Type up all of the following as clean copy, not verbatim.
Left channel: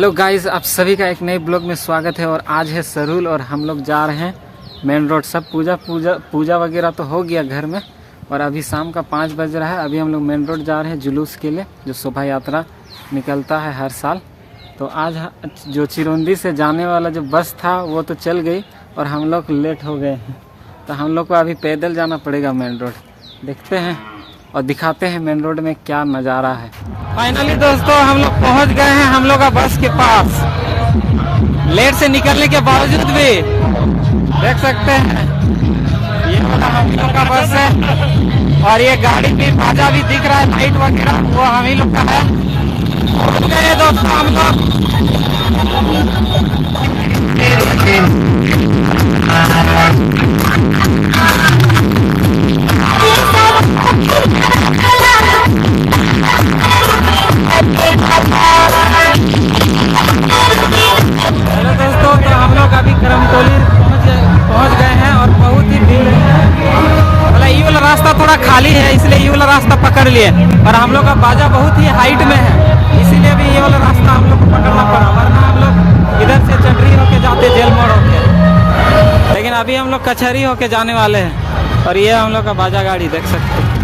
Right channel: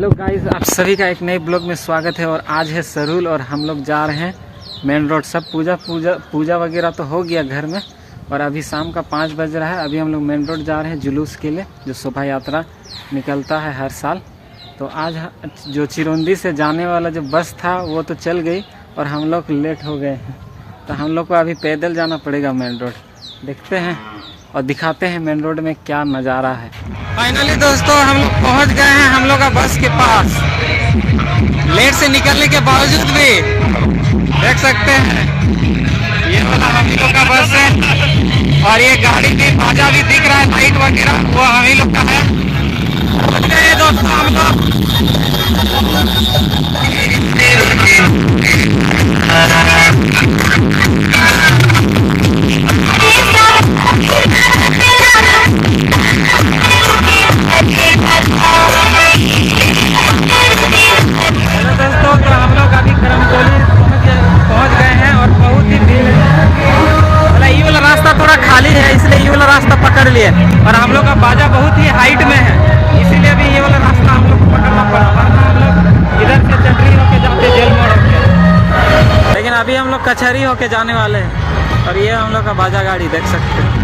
Hello guys, आप सभी का एक नए ब्लॉग में स्वागत है। और आज है सरहुल और हम लोग जा रहे हैं मेन रोड। सब पूजा वगैरह तो हो गया घर में, और अभी शाम का 5 बज रहा है। अभी हम लोग मेन रोड जा रहे हैं जुलूस के लिए, जो शोभा यात्रा निकलता है हर साल। तो आज जो चिरौंदी से जाने वाला जो बस था वो तो चल गई और हम लोग लेट हो गए हैं, तो हम लोग को अभी पैदल जाना पड़ेगा मेन रोड। देखते हैं और दिखाते हैं मेन रोड में क्या नज़ारा है। फाइनली दोस्तों हम लोग पहुंच गए हैं हम लोग का बस के पास। लेट से निकलने के बावजूद भी देख सकते हैं ये वाला हम लोग का बस है, और ये गाड़ी की बाजा भी दिख रहा है, लाइट वगैरह वो हम ही लोग का है। पहुंच गए दोस्तों हम लोग। हेलो दोस्तों, तो हम लोग अभी करमटोली पहुंच गए हैं और बहुत ही भीड़ है। ये वाला रास्ता थोड़ा खाली है, इसलिए ये वाला रास्ता पकड़ लिए। और हम लोग का बाजा बहुत ही हाइट में है, इसीलिए भी ये वाला रास्ता हम लोग को पकड़ना पड़ा, वरना हम लोग इधर से चटनी होके जाते जेल मोड़ होके। लेकिन अभी हम लोग कचहरी होके जाने वाले हैं, और ये हम लोग का बाजा गाड़ी देख सकते हैं।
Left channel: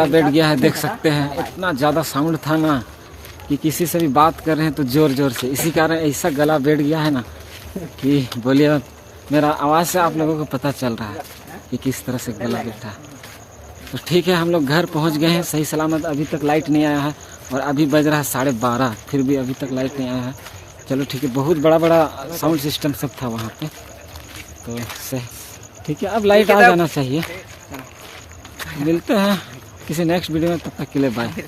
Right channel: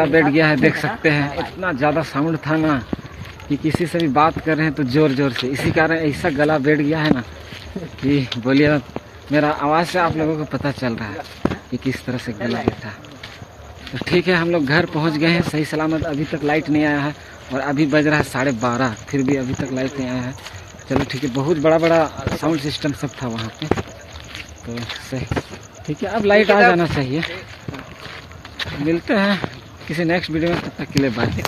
गला बैठ गया है, देख सकते हैं। इतना ज़्यादा साउंड था ना कि किसी से भी बात कर रहे हैं तो ज़ोर ज़ोर से, इसी कारण ऐसा गला बैठ गया है ना कि बोलिए, मेरा आवाज़ से आप लोगों को पता चल रहा है कि किस तरह से गला बैठा। तो ठीक है, हम लोग घर पहुंच गए हैं सही सलामत। अभी तक लाइट नहीं आया है और अभी बज रहा है 12:30, फिर भी अभी तक लाइट नहीं आया है। चलो ठीक है, बहुत बड़ा बड़ा साउंड सिस्टम सब था वहाँ पे, तो सही ठीक है, अब लाइट आ जाना चाहिए। मिलते हैं किसी नेक्स्ट वीडियो में, तब तक के लिए बाय।